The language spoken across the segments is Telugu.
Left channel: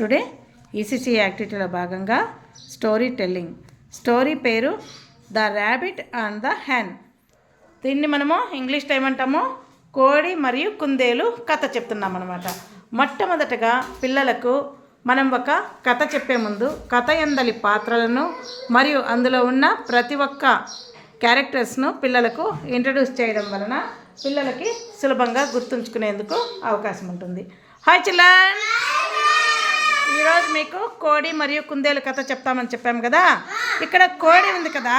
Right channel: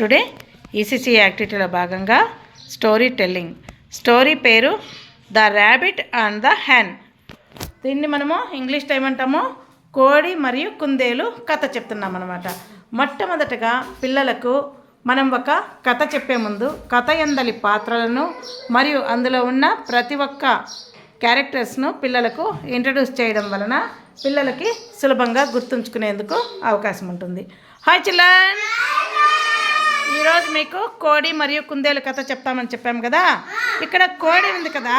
టుడే ఈసీసీ యాక్టివిటీలో భాగంగా స్టోరీ టెల్లింగ్. స్టోరీ పేరు the rabbit and the hen. దీన్ని మనము ఇంగ్లీష్లో ఏమంటాము, కోడి మరియు కుందేలు కథ చెప్తున్నాం అన్నమాట. మొట్టమొదటగా పిల్లలకు మనం ఒక కథ చెప్పే ముందు కథ యందలి పాత్రలను మరియు అందులో ఉన్న ప్రతి ఒక్క క్యారెక్టర్స్ను పిల్లలకు ఇంట్రడ్యూస్ చేయడం వలన పిల్లలకి సులభంగా గుర్తుంచుకునేందుకు అవకాశం ఉంటుంది. హాయ్ చిల్డ్రన్, ఈరోజు మీకు కోడి మరియు కుందేలు కథ చెప్తామని చెప్పాము కదా. ఇక్కడ కోడి ఉంది కదా,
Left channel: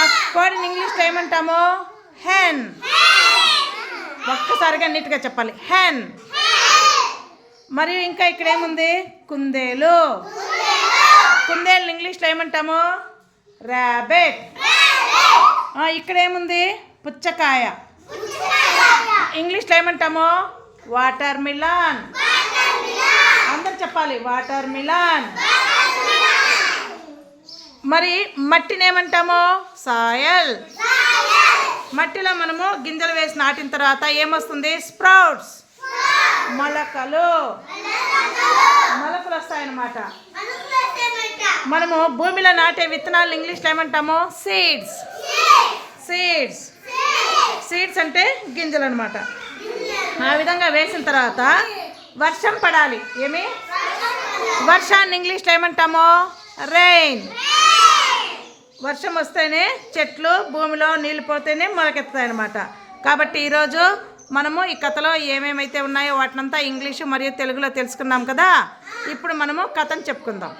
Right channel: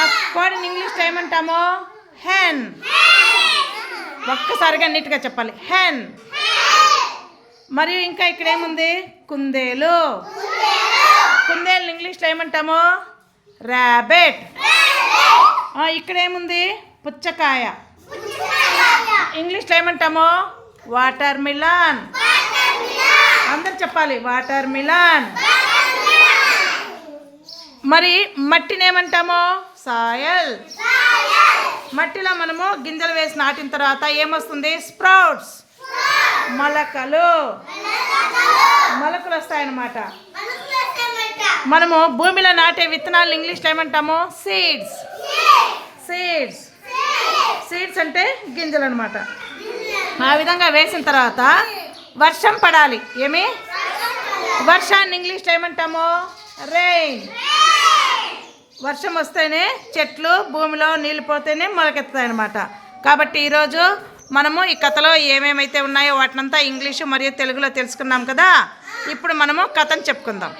ఆ కోడిని ఇంగ్లీష్లో ఏమంటాము, హెన్. ఒక్కసారిగా నీట్గా చెప్పాలి, హెన్. మరియు ఇంకా ఇక్కడ ఏముంది, కుందేలు. కుందేలు ఇంగ్లీష్లో ఏమంటాము, ర్యాబిట్. ఇక్కడ ఏముంది, పుచ్చకాయ. ఇంగ్లీష్లో ఏమంటాము, వాటర్ మిలన్. అందరు చెప్పాలి, వాటర్ మిలన్. మరి మట్టిని ఏమంటాము, సాయల్. మట్టిలో మనము గింజలు వేసి నాటిన తర్వాత ఏమొస్తుంది, స్ప్రౌట్స్, మొలకలు వస్తాయన్నమాట. మనము భూమిలో నాటే విత్తనాలు ఇంగ్లీష్లో ఏమంటాము, సీడ్స్. సీడ్స్ అంటే గింజలు అనమాట. ఆ విధంగా వేసిన తర్వాత వర్షం పడాలి. ఏమి, వర్షాన్ని ఇంగ్లీష్లో ఏమంటాము, రెయిన్. వర్షం వస్తేనే చెట్లు భూమిలో నీళ్ళు పోతేనే మొలకెత్తాయి అన్నమాట. కాబట్టి ఈరోజు మనము ఈ కథలో ఏమేమైతే ఉన్నాయో వాటినంతా ఇంగ్లీషు మరియు తెలుగులో తెలుసుకున్నాం కదా. ఇప్పుడు మనము కథను చెప్పుకుందాం.